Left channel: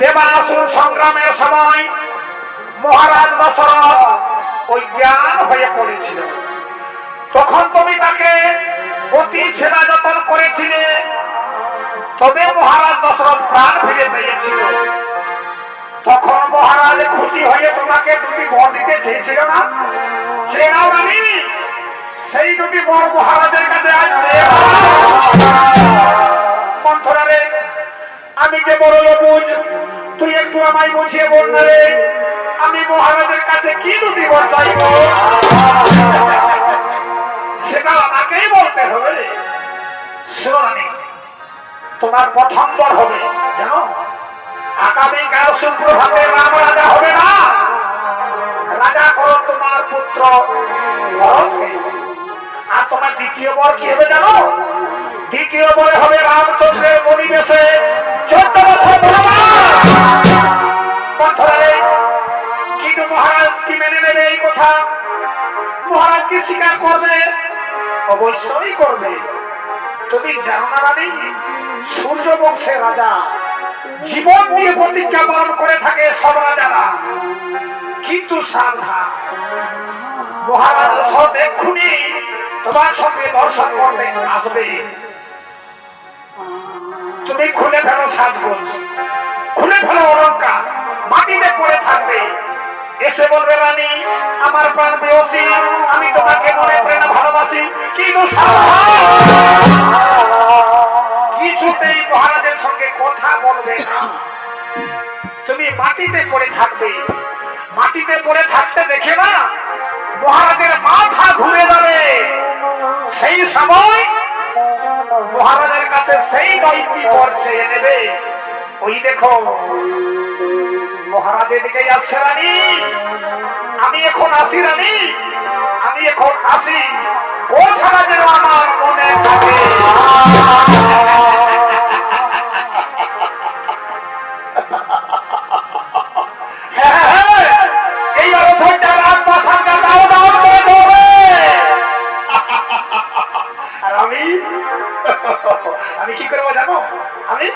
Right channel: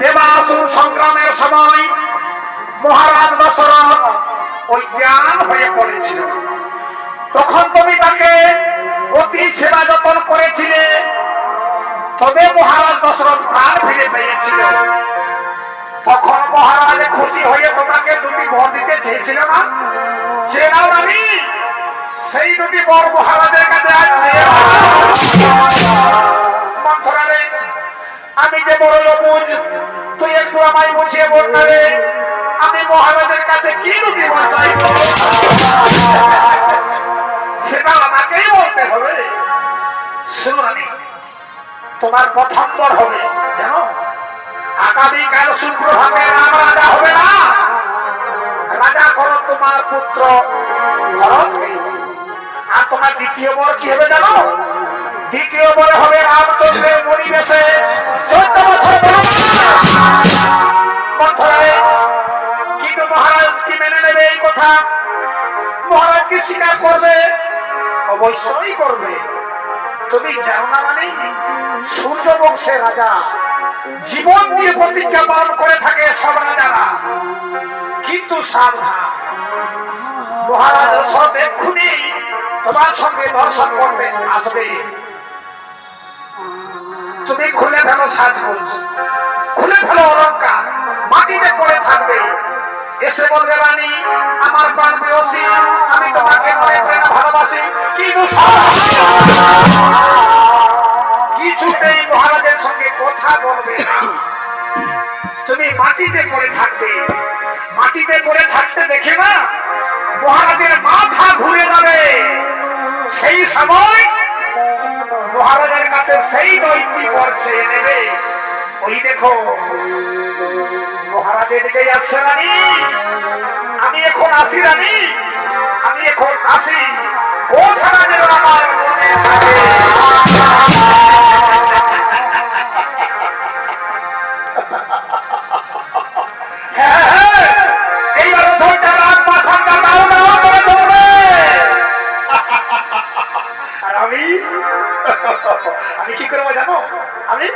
দেবাসুর সংগ্রামের সময় মহারাজ দশরথ ওই জ্ঞান হয়ে পড়েছিল। তখন তুমি তাকে অতি সেবা যত্ন করেছিলে, তবে মহারাজ দশরথ প্রাণ ফিরে পেয়েছিল। তখন মহারাজ খুশি হয়ে তোমাকে দুটি বর দিতে চেয়েছিল না? সে নাও রানী, সেই দুটি বর মহারাজের কাছে আসছে। আমি যে বড় বুঝ, তুই একটু আমায় বুঝিয়ে বল না রে, আমি মহারাজের কাছে কি দুটি বর চাইব? সেটা আমাকেই বলতে হবে। শোনো রানী, তোমার প্রথম বর হবে জানো, আগামীকাল শুক্রভাবে রাম রাজা হবে না, রাজা করো তোমার পুত্র ভরতকে। আর তোমার দ্বিতীয় বর কি হবে জানো? দ্বিতীয় বর হবে রামচন্দ্রের পরিবেশে 14 বছর বছরে। কিন্তু মহারাজ কি মেনে নেবে এই কথা? মহারাজ কি স্বীকার করবে? অবশ্যই করবে। তুমি জানো না মানে, সূর্য বংশের রাজা জীবন দিয়ে প্রতিজ্ঞা পালন করে থাকে সব রাজারা। কিন্তু সাবধান, মহারাজ দশরথ এক্ষুনি তোমার সঙ্গে দর্শন করতে আসবে। তুমি খুলে ফেলো সাজগোজ, খুলে ফেলো অলঙ্কার, মাটিতে পড়ে থাকবে। এসে বলবে রানী, আমার প্রাণ প্রেয়সী, আমি তোমাকে মনে প্রেরণা ভালোবাসি। কিছুতেই মহারাজের সঙ্গে কথা বলবে না। তুমি মাটিতে পড়ে থাকবে। মাটিতে পড়ে থাকতে দেখে না মহারাজের মাথা ঘুরে যাবে। সেই সময় মহারাজের কাছে সেই দৈত্যী করছে নেবে। ওই দেখো মহারাজের দিকে যাচ্ছে রানী। আমি এখন আসি রানী, আমি এখন আসি। কোথায় যেন আমার মনে থাকে। আমি কি করবো জানো? আমি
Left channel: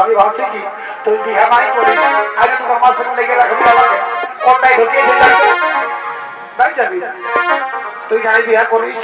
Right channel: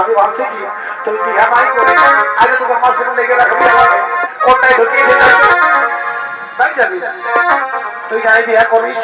আমি ভাবছি কি তুমি বিহা মাই করে আগে তোমার মার সঙ্গে লেগে রাখবে, কোনটাই ঢুকিয়ে যাবি, তুই যাই বিহা করিস